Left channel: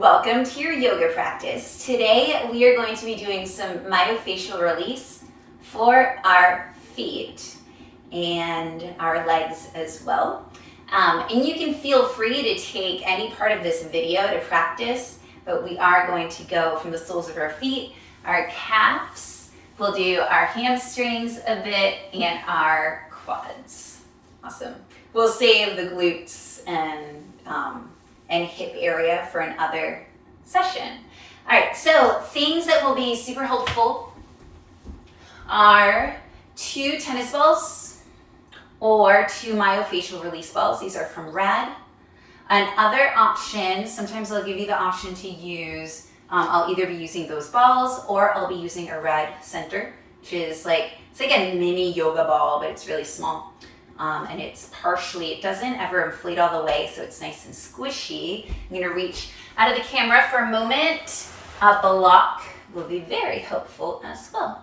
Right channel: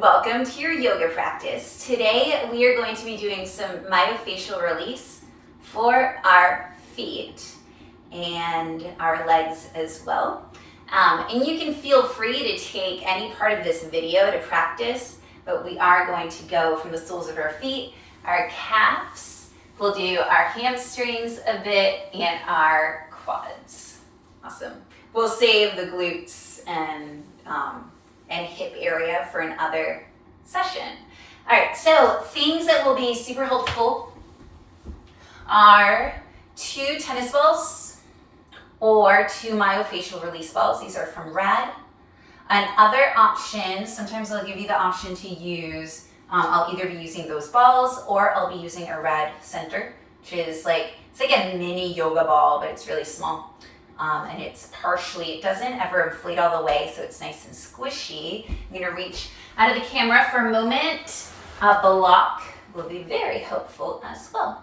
Welcome to your yoga practice. Today we are going to be doing some myofacial release for our feet and our legs as well. And you can feel free to take any part of this video to practice, but we are going to go from the soles of our feet, our calves, we'll do our hamstrings a bit, and our quads. Awesome. We'll save the glutes and hip area for another session. All right, so things that will be super helpful are 2 tennis balls or 2 myofacial release balls. These are from Rad. Another option, sometimes I'll give you the option to use, I'll either be using those balls or I'll be using a Rad center, which is it's like a mini yoga ball, but it's really small. And it doesn't ever inflate all the way, so it's nice and squishy. I'm gonna reach out of the camera for a moment. A block will be very helpful as well.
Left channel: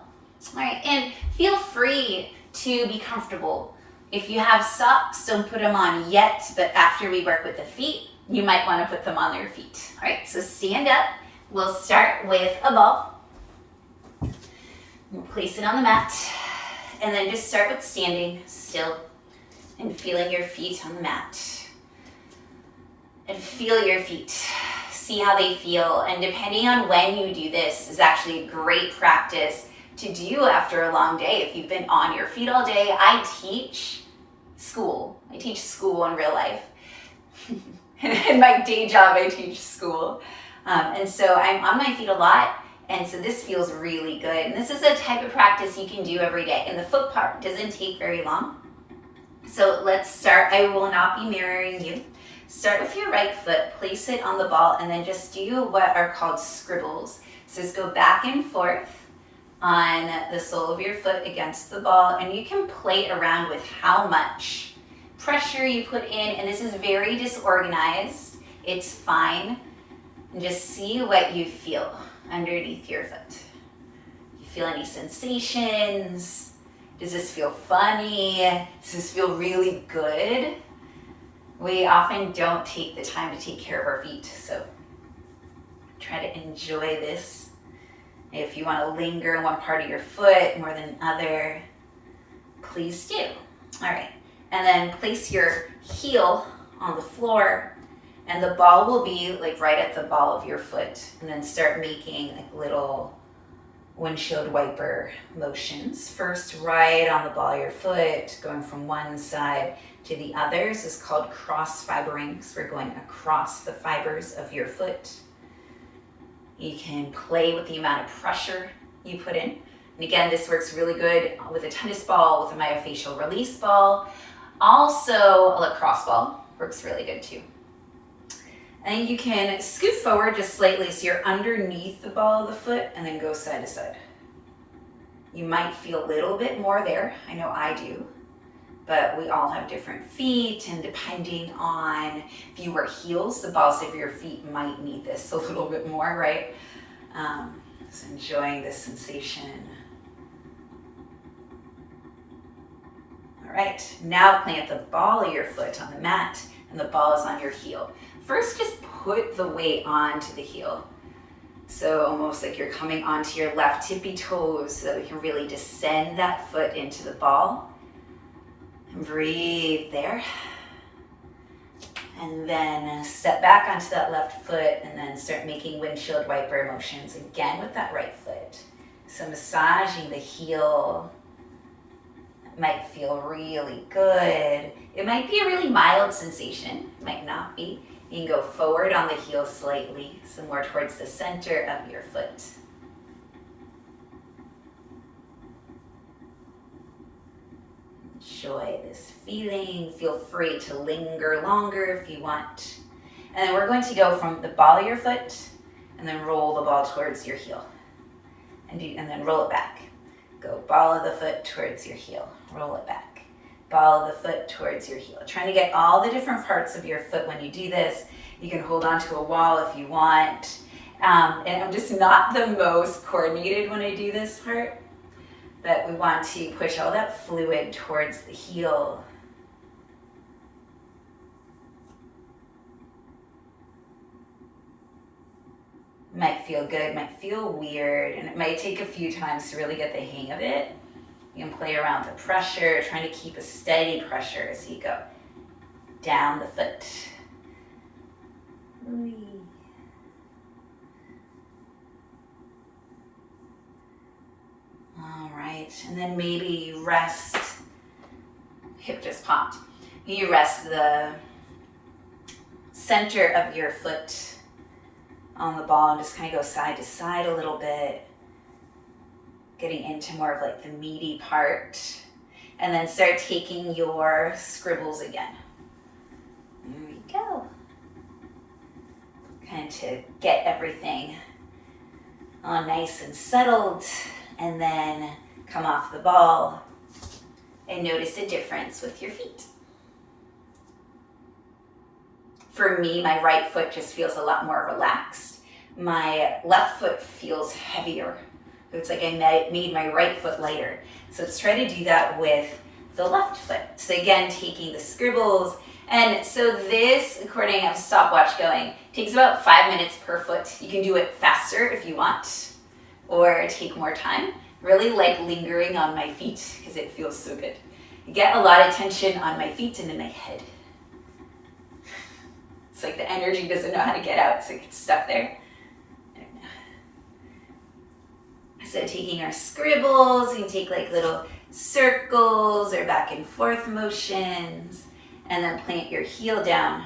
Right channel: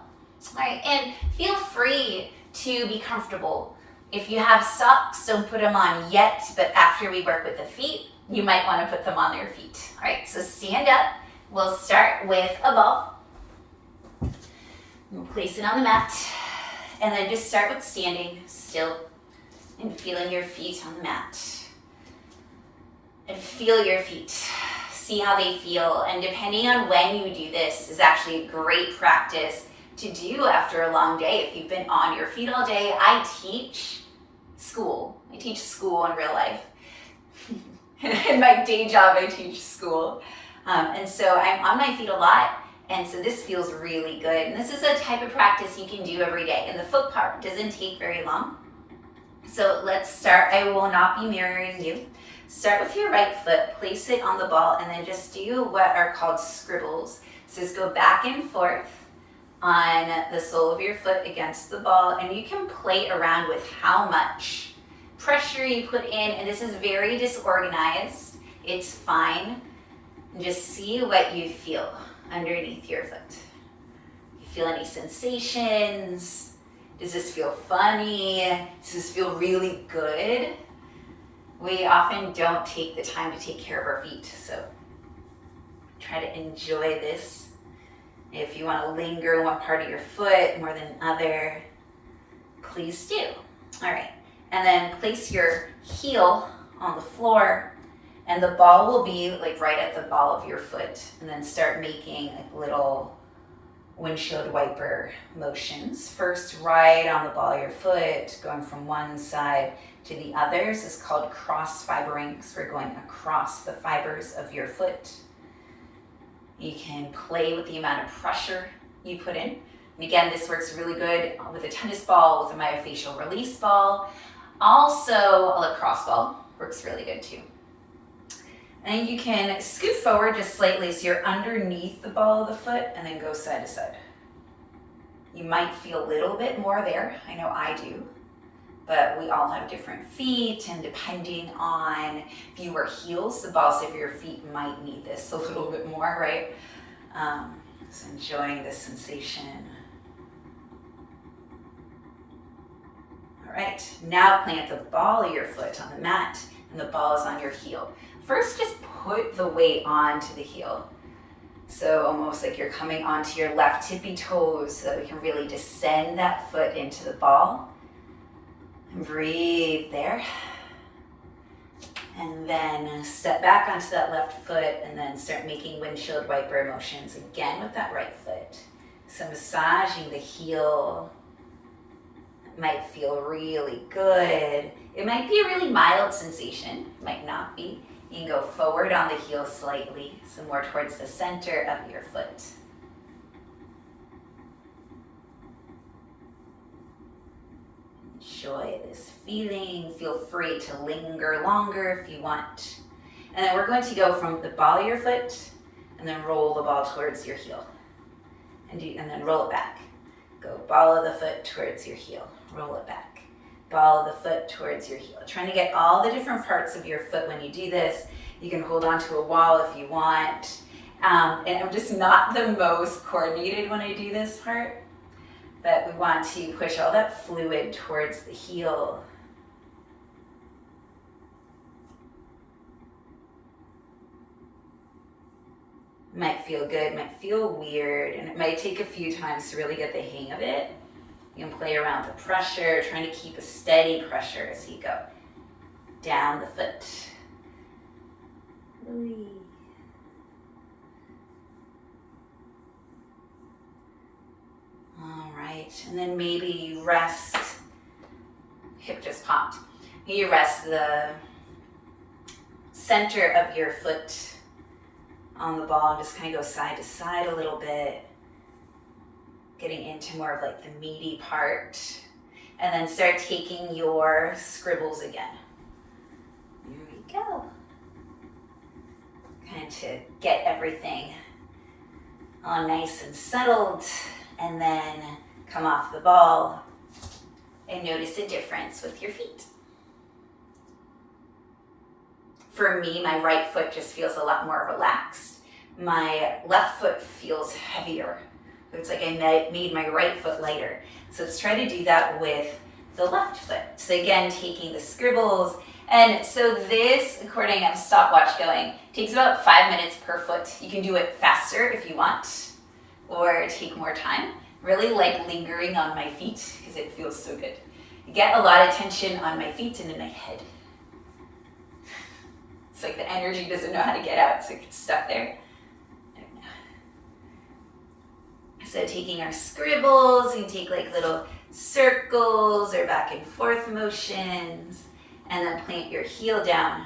All right, and feel free to be comfortable. If you have socks, don't put them on yet, but after we work with the feet, you might wanna put them on your feet. All right, so stand up. We'll start with a ball. We'll place it on the mat, and then just start with standing still and feeling your feet on the mat. And feel your feet. See how they feel. And depending on when you do this is actually a great practice to do after a long day. If you've been on your feet all day, I teach school. I teach school in real life. In my day job, I teach school. And so I'm on my feet a lot. And so this feels really good. And this is a type of practice you can do every day. And the foot part doesn't take very long. So let's start. I will not be mirroring you. Start with your right foot, place it on the ball, and then just do what are called scribbles. So just go back and forth on the sole of your foot against the ball, and you can play around with how much pressure you put in, and this is very disorganized. It's fine. And just see what you feel underneath your foot. You feel any sensations? Does this feel funny? Does this feel really good? We often don't take the time to take care of our feet, so try to enjoy this. If you want to linger in one part of your foot more than another, please do. All right, and then place your heel on the floor, and the ball will be right at the ball of your foot, and then start making little windshield wiper motions. First, right on the ball of your foot, going from one side to the other. This is called cross fibering, so we're going across the fibers of your foot. You can play with the amount of pressure you put in. And again, this works really good with a tennis ball, with a myofacial release ball. Also, a lacrosse ball works really good too. And then you can scoot forward just slightly so you're underneath the ball of the foot, and then go side to side. You might feel a little bit more there. I know I do. But we all have different feet, and depending on if you wear heels, the balls of your feet might need this a little bit more, right? So enjoying this sensation. All right, now plant the ball of your foot on the mat, and the ball is on your heel. First, just put the weight onto the heel. So almost like you're coming onto your left tippy toes so that we can really descend that foot into the ball. And breathe there. And then step back onto that left foot and then start making windshield wiper motions again with that right foot. So massaging the heel. It might feel really good. It might be a really mild sensation. It might not be. You can go forward on the heel slightly, so more towards the center of your foot. Enjoy this feeling. Feel free to linger longer if you want. And then we're going to go from the ball of your foot and then roll the ball towards your heel. And then roll it back. Go ball of the foot towards your heel. Roll it back. Ball of the foot towards your heel. Trying to get all the different parts of your foot when you do this. You can hold onto a wall if you want. And I'm just not the most coordinated when I do this part, but we want to push all that fluid towards the heel. It might feel good, might feel weird, and it might take a few times to really get the hang of it. You can play around with the pressure, trying to keep a steady pressure as you go down the foot. All right, and then maybe rest. Hip just popped. You rest the center of your foot on the ball and just kind of go side to side a little bit, getting into more of like the meaty part. And then start taking your scribbles again. There we go. Kind of to get everything all nice and settled, and then come off the ball and notice a difference with your feet. For me, my right foot just feels a lot more relaxed. My left foot feels heavier. It's like I made my right foot lighter. So let's try to do that with the left foot. So again, taking the scribbles. And so this, according, I have a stopwatch going, takes about 5 minutes per foot. You can do it faster if you want, or take more time. Really like lingering on my feet because it feels so good. I get a lot of tension on my feet and in my head. It's like the energy doesn't know how to get out, so it gets stuck there. So taking our scribbles, we can take like little circles or back and forth motions, and then plant your heel down.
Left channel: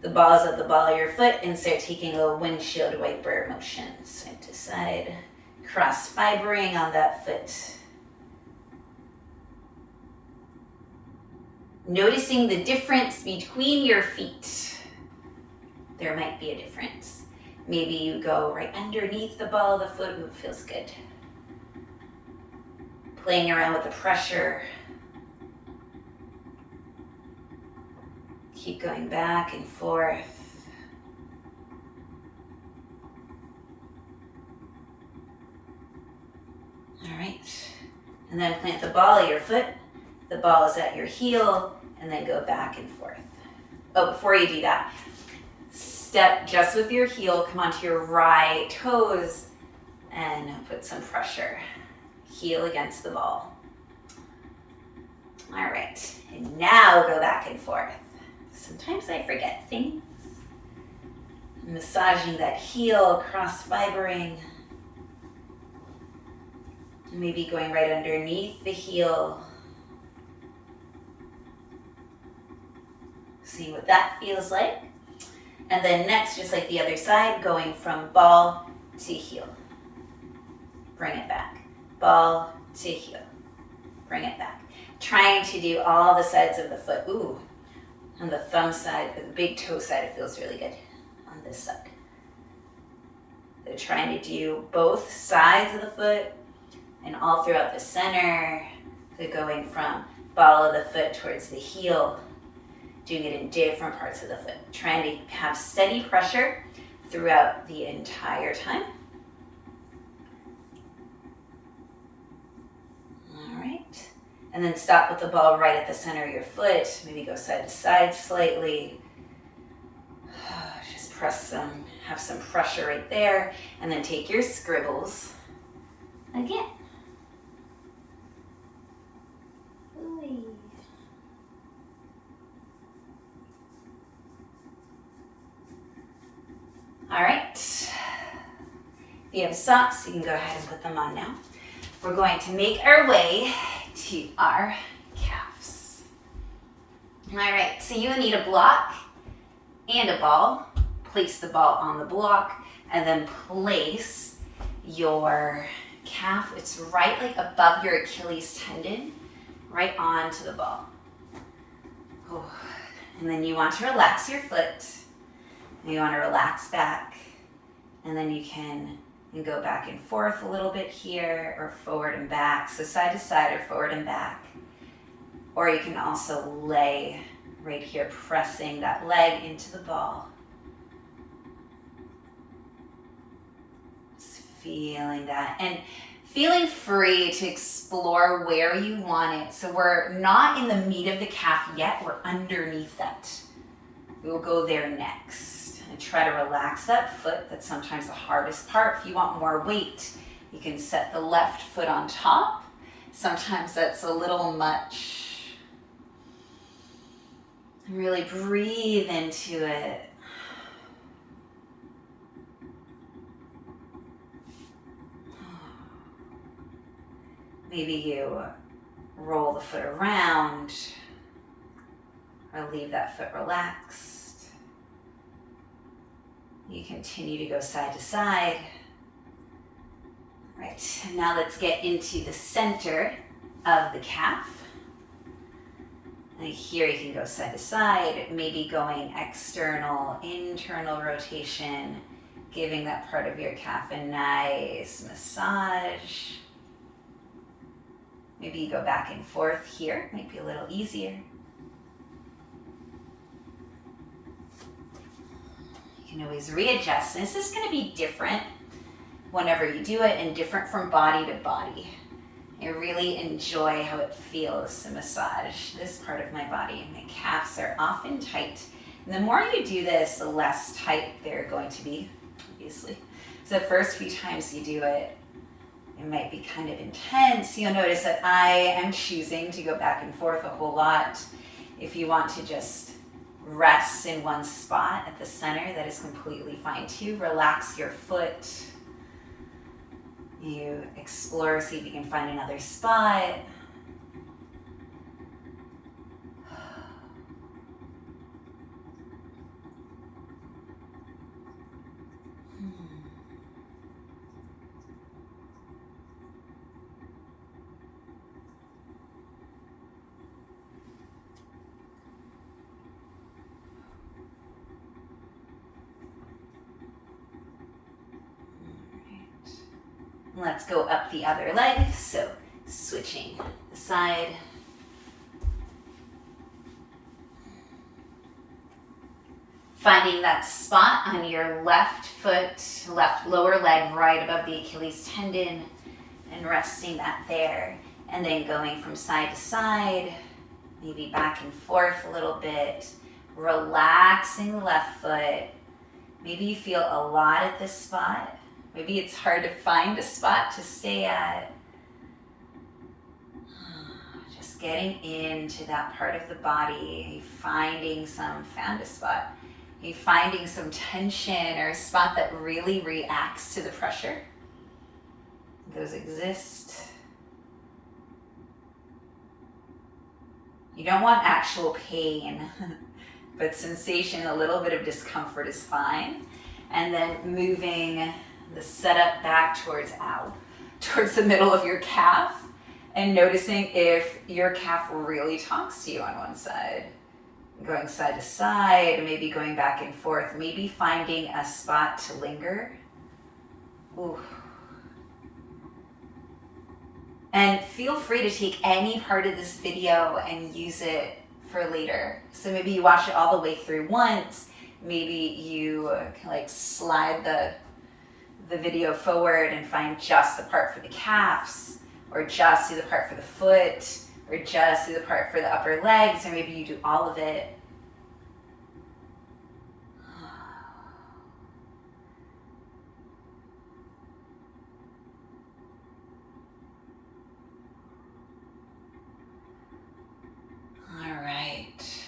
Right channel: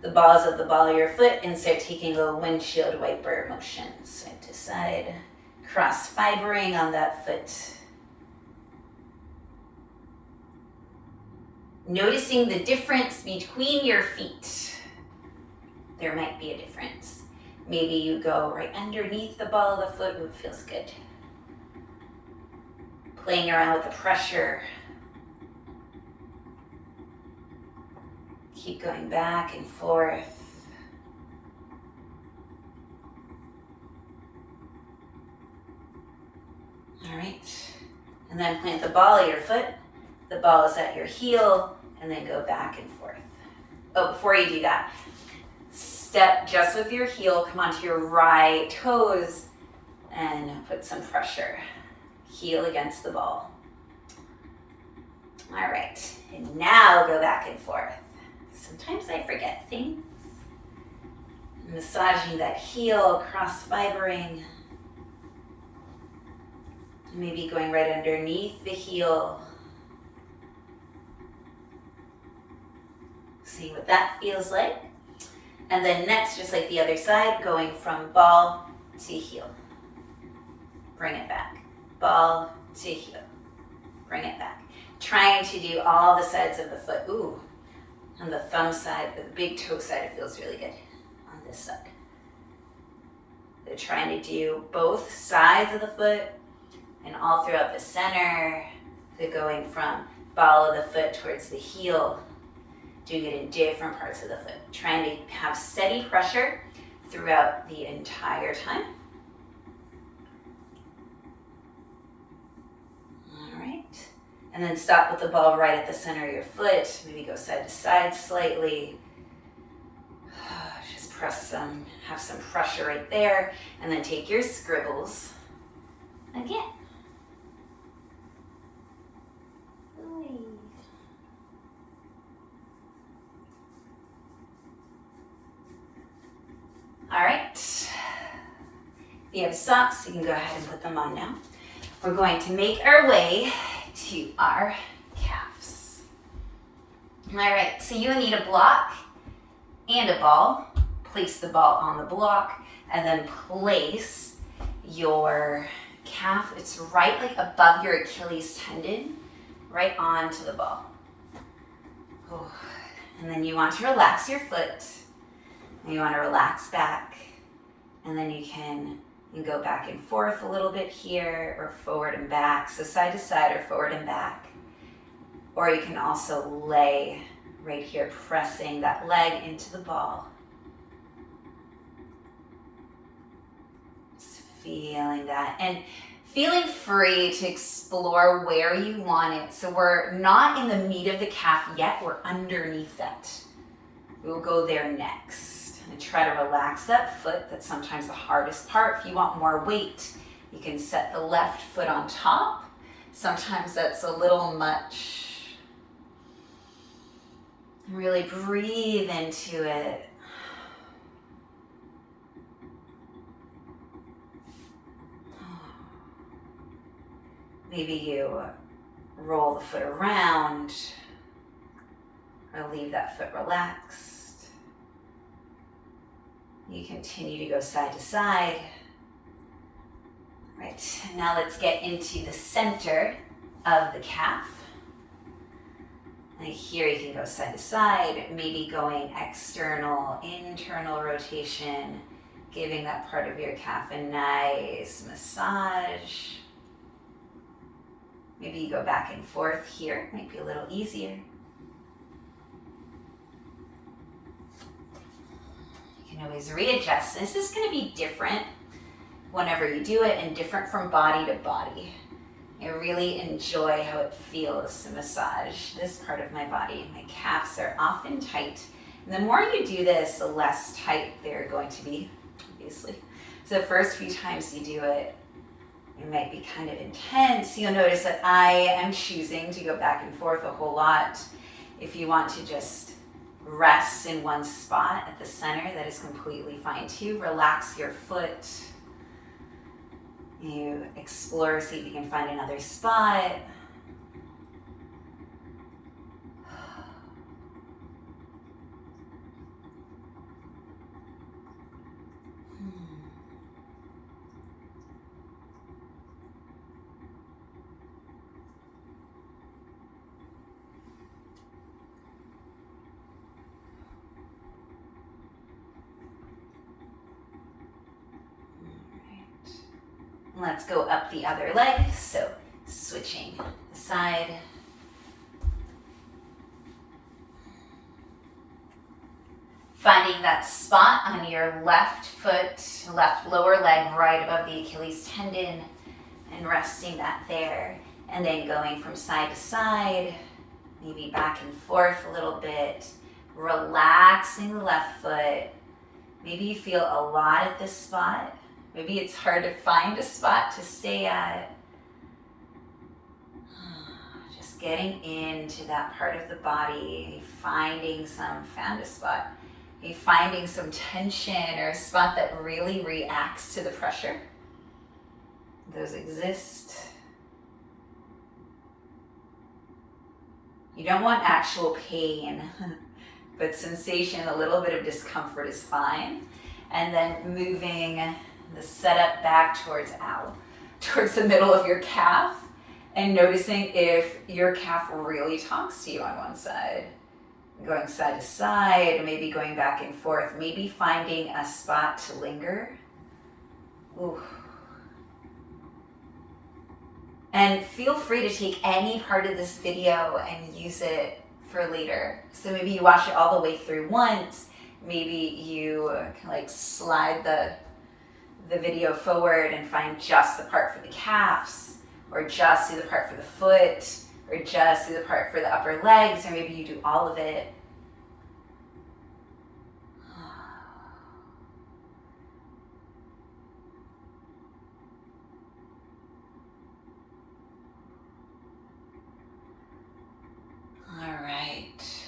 The balls of the ball of your foot, and start taking little windshield wiper motions, side to side, cross fibering on that foot. Noticing the difference between your feet. There might be a difference. Maybe you go right underneath the ball of the foot. Ooh, it feels good. Playing around with the pressure. Keep going back and forth. All right. And then plant the ball of your foot. The ball is at your heel, and then go back and forth. Oh, before you do that, step just with your heel, come onto your right toes, and put some pressure. Heel against the ball. All right, and now go back and forth. Sometimes I forget things. Massaging that heel, cross fibering. Maybe going right underneath the heel. See what that feels like. And then next, just like the other side, going from ball to heel. Bring it back. Ball to heel. Bring it back. Trying to do all the sides of the foot. Ooh, on the thumb side, the big toe side, it feels really good on this side. So trying to do both sides of the foot and all throughout the center. So going from ball of the foot towards the heel. Doing it in different parts of the foot. Trying to have steady pressure throughout the entire time. All right. And then stop with the ball right at the center of your foot. Maybe go side to side slightly. Just press some, have some pressure right there. And then take your scribbles again. All right, if you have socks, you can go ahead and put them on now. We're going to make our way to our calves. All right, so you need a block and a ball. Place the ball on the block and then place your calf. It's right like above your Achilles tendon, right onto the ball. Oh. And then you want to relax your foot. You want to relax back, and then you can go back and forth a little bit here, or forward and back, so side to side or forward and back. Or you can also lay right here, pressing that leg into the ball. Just feeling that, and feeling free to explore where you want it. So we're not in the meat of the calf yet, we're underneath that. We'll go there next. And try to relax that foot. That's sometimes the hardest part. If you want more weight, you can set the left foot on top. Sometimes that's a little much. And really breathe into it. Maybe you roll the foot around or leave that foot relaxed. You continue to go side to side. Right, now let's get into the center of the calf. And here you can go side to side, maybe going external, internal rotation, giving that part of your calf a nice massage. Maybe you go back and forth here, might be a little easier. You can always readjust. This is going to be different whenever you do it and different from body to body. I really enjoy how it feels to massage this part of my body. My calves are often tight. And the more you do this, the less tight they're going to be, obviously. So the first few times you do it, it might be kind of intense. You'll notice that I am choosing to go back and forth a whole lot. If you want to just rest in one spot at the center, that is completely fine too. Relax your foot. You explore, see if you can find another spot. Let's go up the other leg. So switching the side. Finding that spot on your left foot, left lower leg, right above the Achilles tendon, and resting that there. And then going from side to side, maybe back and forth a little bit, relaxing the left foot. Maybe you feel a lot at this spot. Maybe it's hard to find a spot to stay at. Just getting into that part of the body. You finding found a spot. You finding some tension or a spot that really reacts to the pressure. Those exist. You don't want actual pain, but sensation, a little bit of discomfort is fine. And then moving the setup back towards the middle of your calf, and noticing if your calf really talks to you on one side. Going side to side, maybe going back and forth, maybe finding a spot to linger. Ooh. And feel free to take any part of this video and use it for later. So maybe you watch it all the way through once, maybe you can like slide the video forward and find just the part for the calves, or just do the part for the foot, or just do the part for the upper legs, or maybe you do all of it. All right.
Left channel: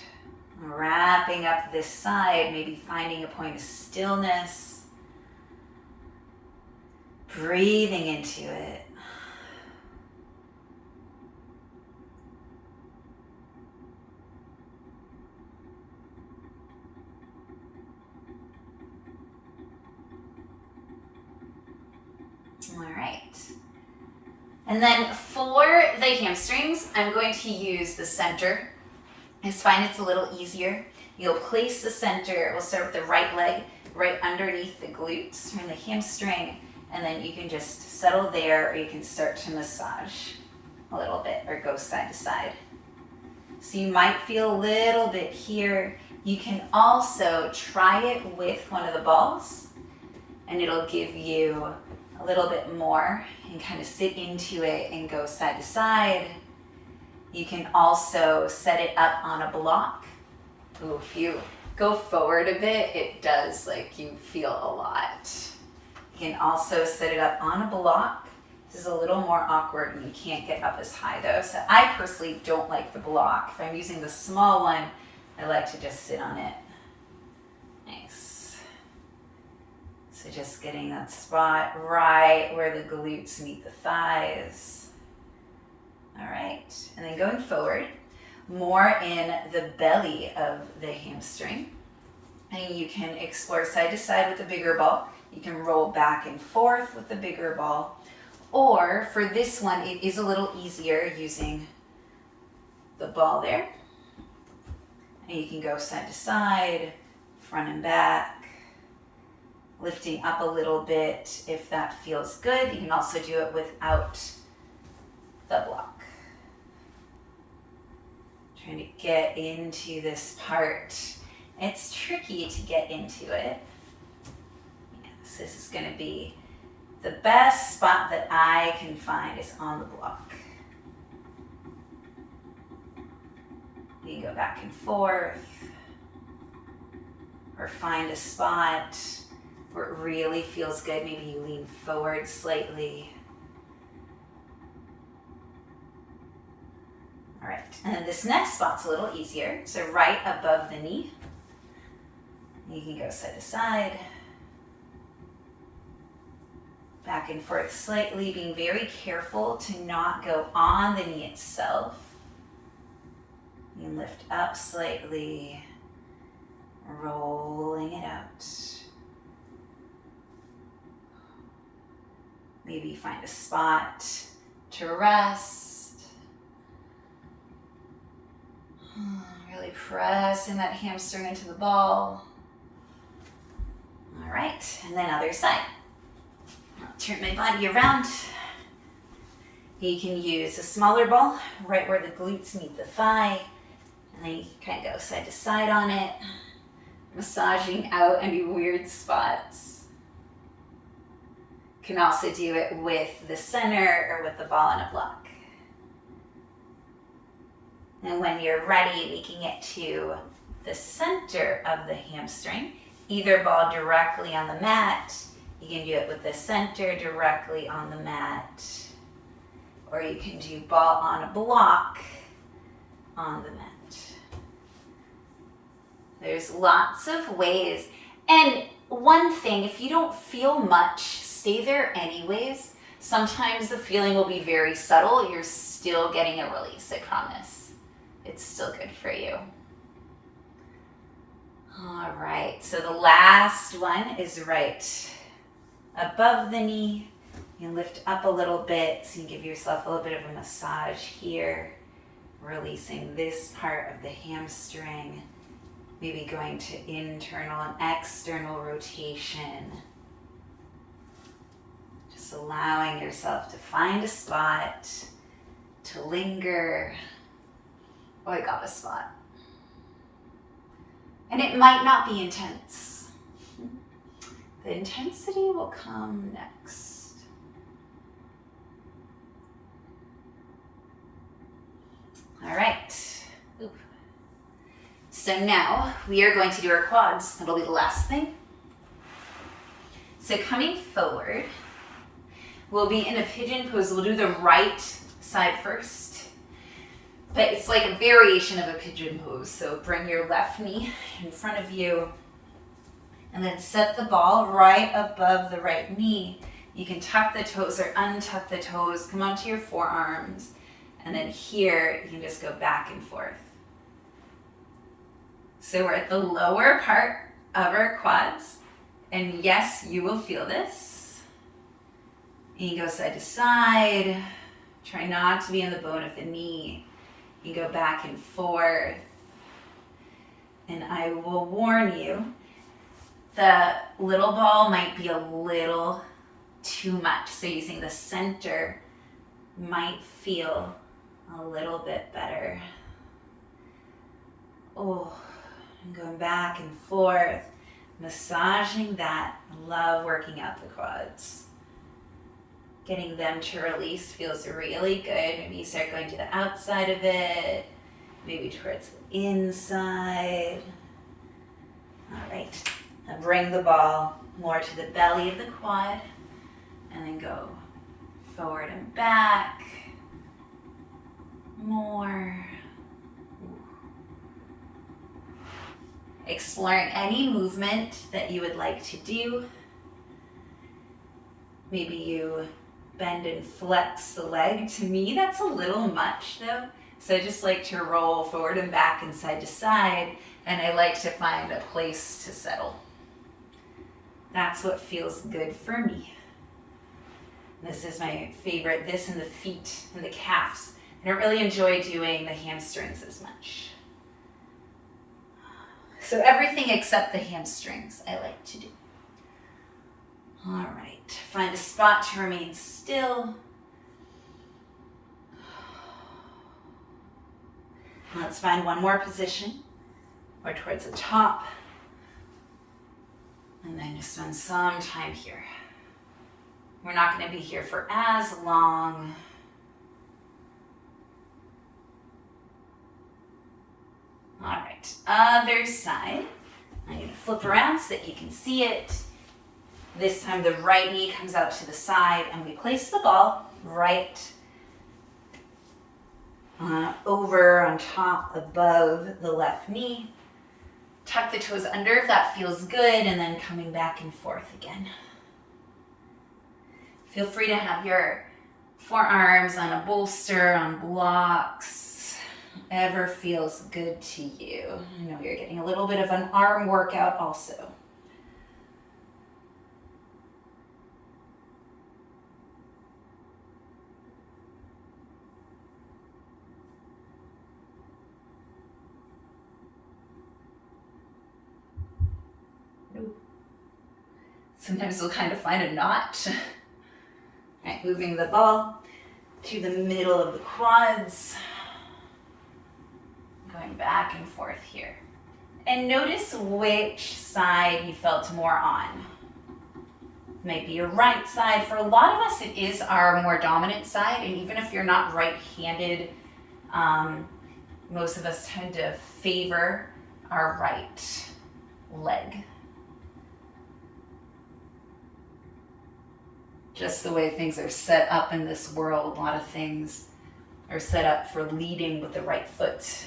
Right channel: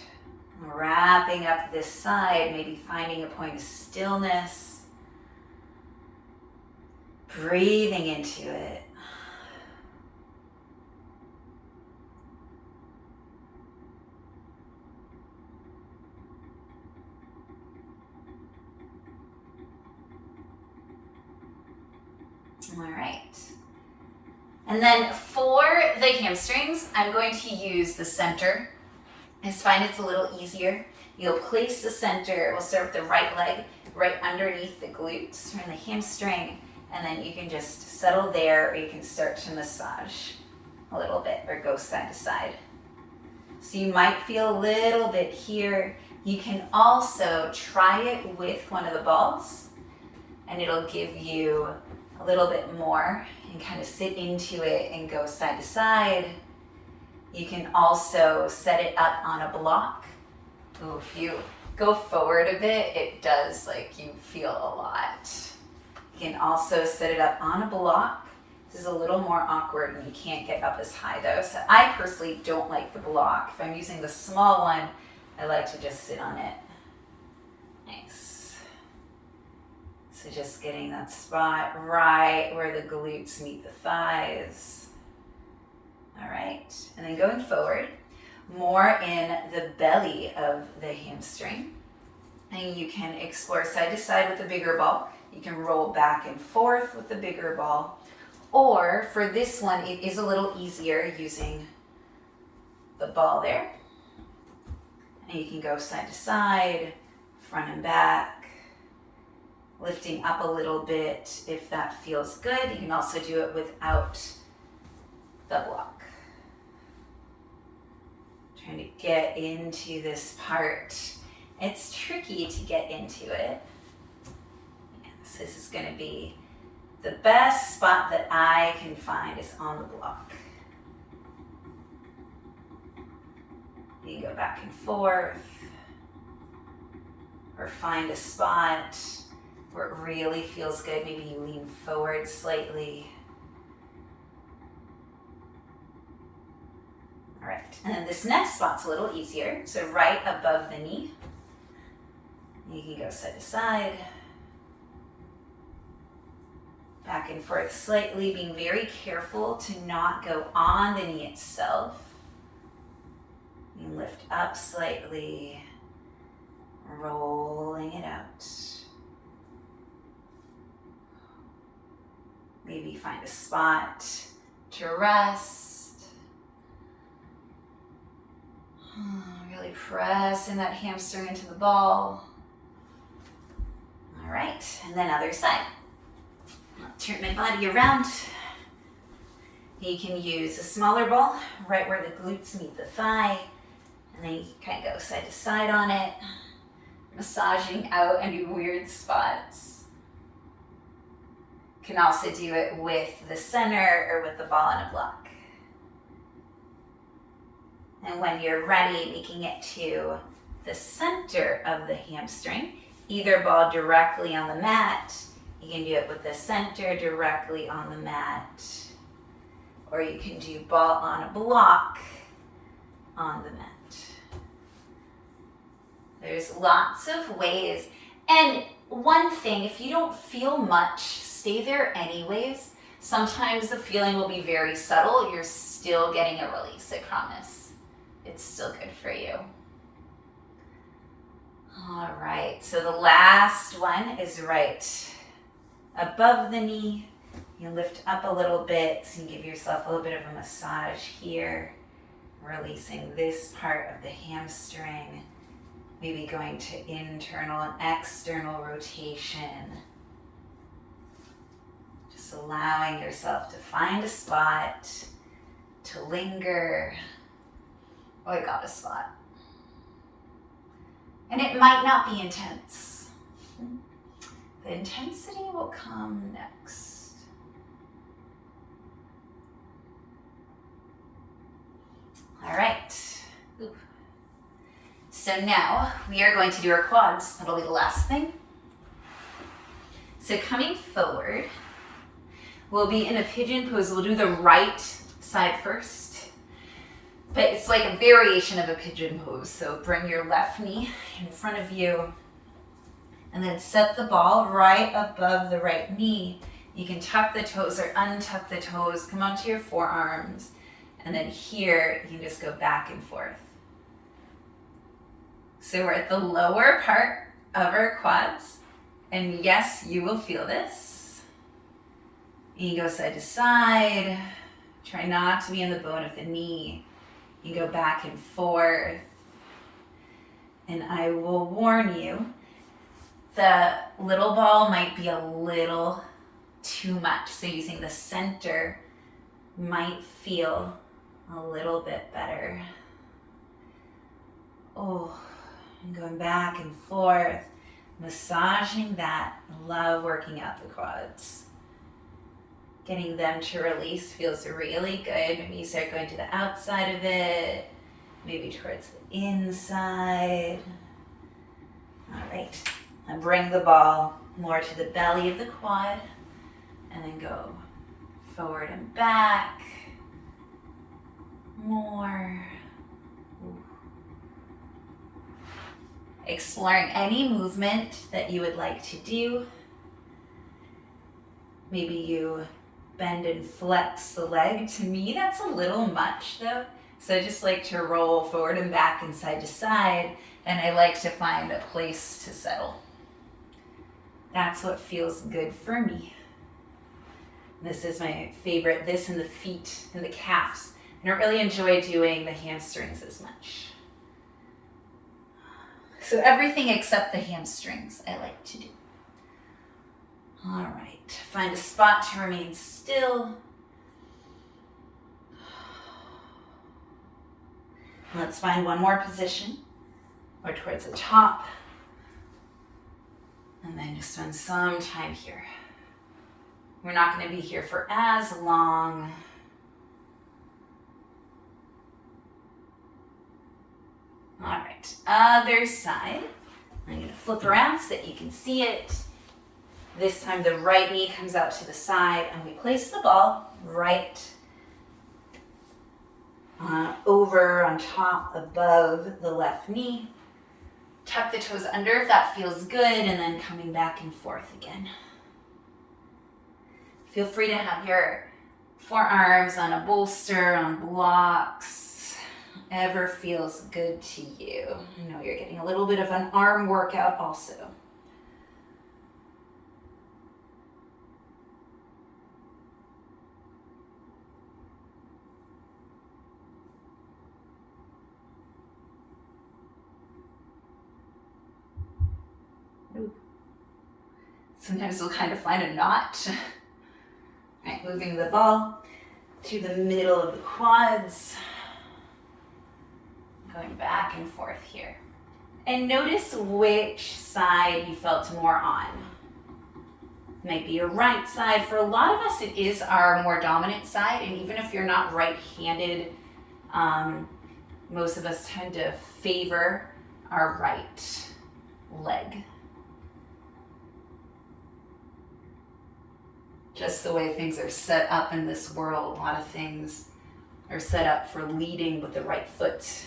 Wrapping up this side, maybe finding a point of stillness. Breathing into it. All right. And then for the hamstrings, I'm going to use the center. I just find it's a little easier. You'll place the center, we'll start with the right leg, right underneath the glutes or the hamstring. And then you can just settle there, or you can start to massage a little bit or go side to side. So you might feel a little bit here. You can also try it with one of the balls, and it'll give you a little bit more, and kind of sit into it and go side to side. You can also set it up on a block. Ooh, if you go forward a bit, it does, like, you feel a lot. You can also set it up on a block. This is a little more awkward and you can't get up as high though. So I personally don't like the block. If I'm using the small one, I like to just sit on it. Nice. So just getting that spot right where the glutes meet the thighs. All right, and then going forward, more in the belly of the hamstring. And you can explore side to side with the bigger ball. You can roll back and forth with the bigger ball. Or for this one, it is a little easier using the ball there. And you can go side to side, front and back, lifting up a little bit if that feels good. You can also do it without the block. Trying to get into this part. It's tricky to get into it. Yes, this is going to be the best spot that I can find is on the block. You can go back and forth or find a spot where it really feels good. Maybe you lean forward slightly. All right, and then this next spot's a little easier. So right above the knee, you can go side to side, back and forth slightly, being very careful to not go on the knee itself. You can lift up slightly, rolling it out. Maybe find a spot to rest. Really pressing that hamstring into the ball. All right, and then other side. I'll turn my body around. You can use a smaller ball right where the glutes meet the thigh, and then you can kind of go side to side on it, massaging out any weird spots. You can also do it with the center or with the ball on a block. And when you're ready, making it to the center of the hamstring, either ball directly on the mat, you can do it with the center directly on the mat, or you can do ball on a block on the mat. There's lots of ways. And one thing, if you don't feel much, stay there anyways. Sometimes the feeling will be very subtle. You're still getting a release, I promise. It's still good for you. All right, so the last one is right above the knee. You can lift up a little bit so you can give yourself a little bit of a massage here, releasing this part of the hamstring, maybe going to internal and external rotation. Just allowing yourself to find a spot, to linger. Oh, I got a spot. And it might not be intense. The intensity will come next. All right. Ooh. So now we are going to do our quads. That'll be the last thing. So coming forward, we'll be in a pigeon pose. We'll do the right side first. But it's like a variation of a pigeon pose. So bring your left knee in front of you and then set the ball right above the right knee. You can tuck the toes or untuck the toes, come onto your forearms, and then here you can just go back and forth. So we're at the lower part of our quads, and yes, you will feel this. You can go side to side, try not to be in the bone of the knee. You go back and forth. And I will warn you, the little ball might be a little too much. So using the center might feel a little bit better. Oh, and going back and forth, massaging that. I love working out the quads. Getting them to release feels really good. Maybe you start going to the outside of it, maybe towards the inside. All right, and bring the ball more to the belly of the quad, and then go forward and back. More. Exploring any movement that you would like to do. Maybe you bend and flex the leg. To me, that's a little much though. So I just like to roll forward and back and side to side, and I like to find a place to settle. That's what feels good for me. This is my favorite, this and the feet and the calves. I don't really enjoy doing the hamstrings as much. So everything except the hamstrings I like to do. All right, find a spot to remain still. Let's find one more position, or towards the top. And then just spend some time here. We're not going to be here for as long. All right, other side. I'm going to flip around so that you can see it. This time the right knee comes out to the side, and we place the ball right over on top above the left knee. Tuck the toes under if that feels good, and then coming back and forth again. Feel free to have your forearms on a bolster, on blocks, whatever feels good to you. I know you're getting a little bit of an arm workout also. Sometimes we'll kind of find a knot. All right, moving the ball to the middle of the quads. Going back and forth here. And notice which side you felt more on. Maybe your right side. For a lot of us, it is our more dominant side. And even if you're not right-handed, most of us tend to favor our right leg. Just the way things are set up in this world, a lot of things are set up for leading with the right foot.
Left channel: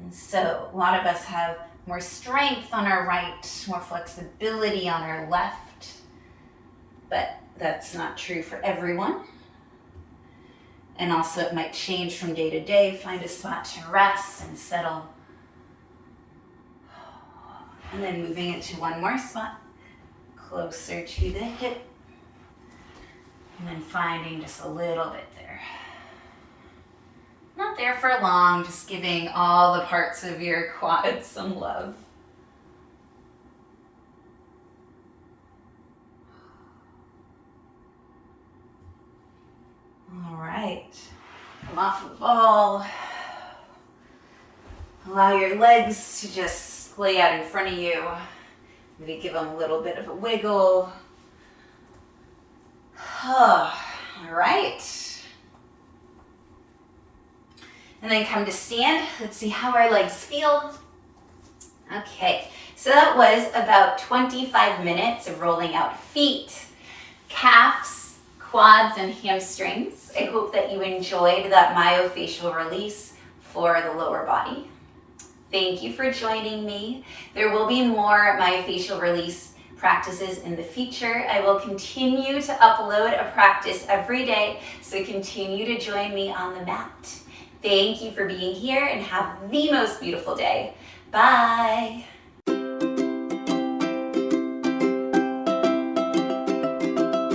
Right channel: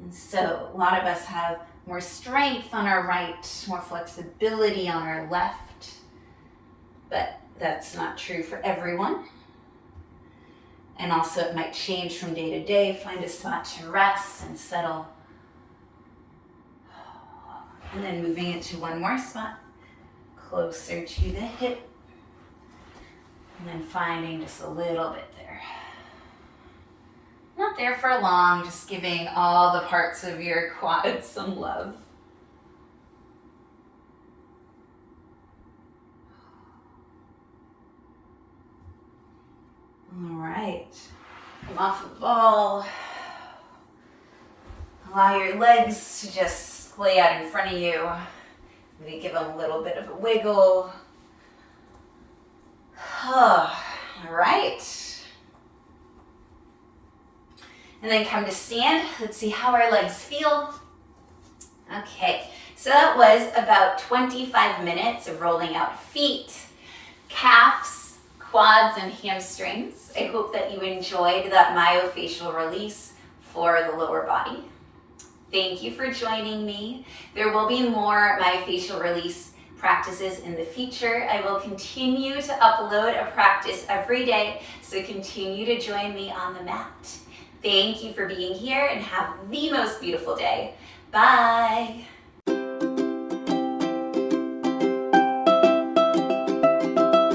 And so a lot of us have more strength on our right, more flexibility on our left, but that's not true for everyone. And also it might change from day to day. Find a spot to rest and settle. And then moving it to one more spot, closer to the hip, and then finding just a little bit there. Not there for long, just giving all the parts of your quads some love. All right, come off the ball. Allow your legs to just lay out in front of you. Maybe give them a little bit of a wiggle. All right. And then come to stand. Let's see how our legs feel. Okay, so that was about 25 minutes of rolling out feet, calves, quads, and hamstrings. I hope that you enjoyed that myofacial release for the lower body. Thank you for joining me. There will be more myofacial release practices in the future. I will continue to upload a practice every day, so continue to join me on the mat. Thank you for being here and have the most beautiful day. Bye.